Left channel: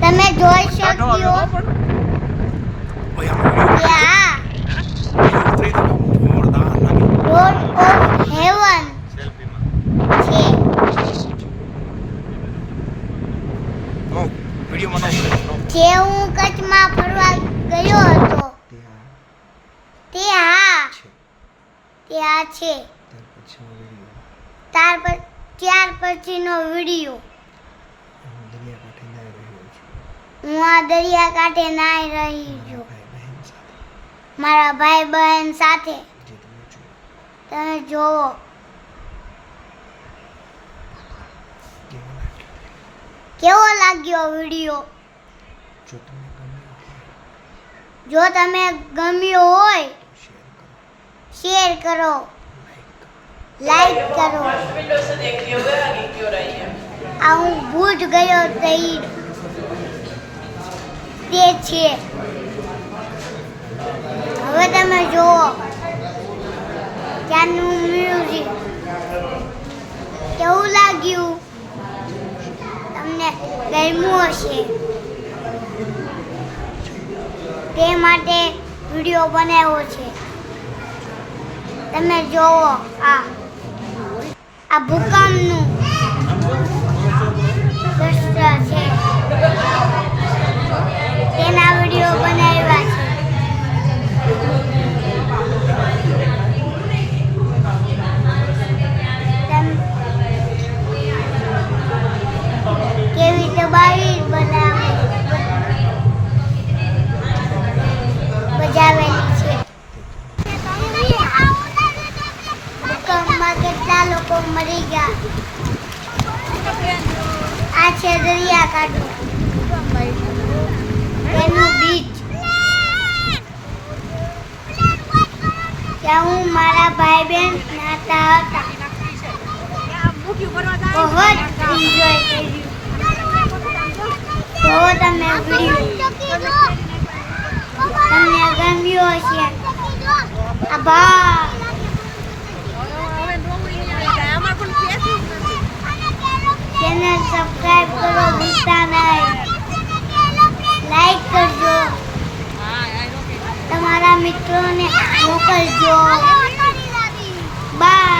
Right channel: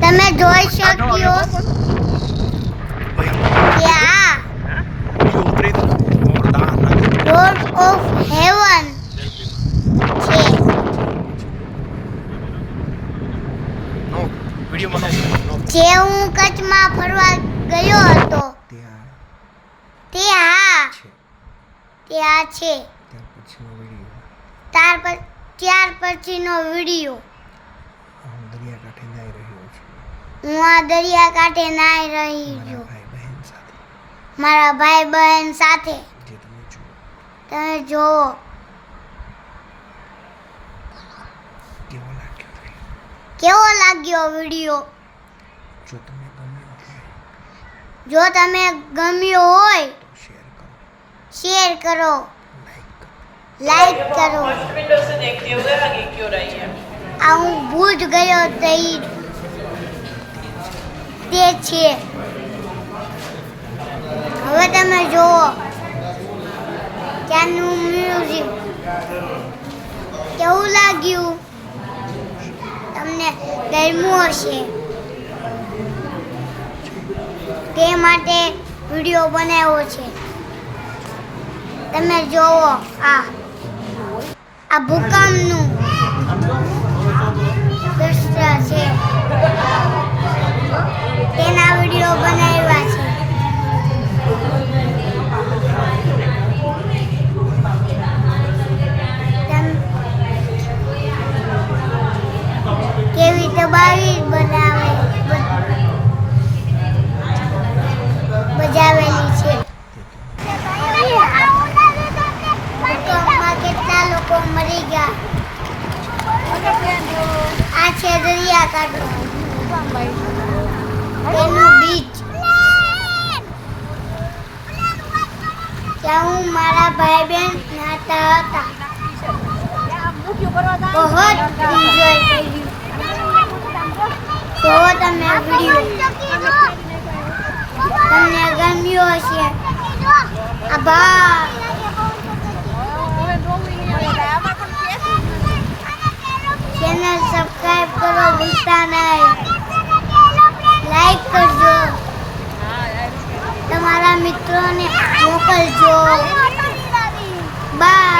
તમે જોઈ કાઢો શકો આવ્યો પણ ભાઈ આમ ત્યાં ઉતરી તો મોરદા નાખી ડોર ઓફ હેવન છે. નો વિડિયોમાં નો જે હું કચ્છમાં ફરવા ગયો હતો ત્યાં તે હા છે ત્યાં છે. ત્યાર પછીનો વિડીયો હું દરિયા કાંઠે જઈ રહ્યો છું હું આ દરિયા કાંઠે નાહી રહી છું મારા ભાઈ બહેન સાથે મારા ભાઈ બહેન સાથે. જે તમે જુઓ તમે જોવો કેવો લાગ્યો કેવો લાગ્યો વિડીયો. જો તમને ગમ્યો જો તમે ગમ્યો હોય તો શેર કરો, લાઈક કરો લાઈક કરો. विंडो से देखती होगे आगे क्यों रही है। આ હું ભૂજ ગયો તે છે. હવે તમે જુઓ ત્યાંનું મ્યુઝિક કેવું લાગ્યું તમને ગમ્યું હશે તે માટે વિડીયો બનાવ્યો છે. તમે જોવો આ ભૂકંપનું દ્રશ્ય છે તેના વિડીયો બનાવ્યા છે. કેવી તબાહી બજાવેલી છે. ભૂકંપમાં કેટલા લોકો મરી ગયા. આ છે દરિયાકાંઠો તેનું બીચ. ત્યાં હું મારા ભાઈ બહેન નાતા હતા. બહુ એન્જોય કર્યું. જો તમને વિડીયો તમને ગમ્યો હશે. આભાર. ચેનલ સબસ્ક્રાઇબ કરો ભૂલતા નહીં. લાઈક કરજો, તમારા મિત્રોને મોકલજો. બાય.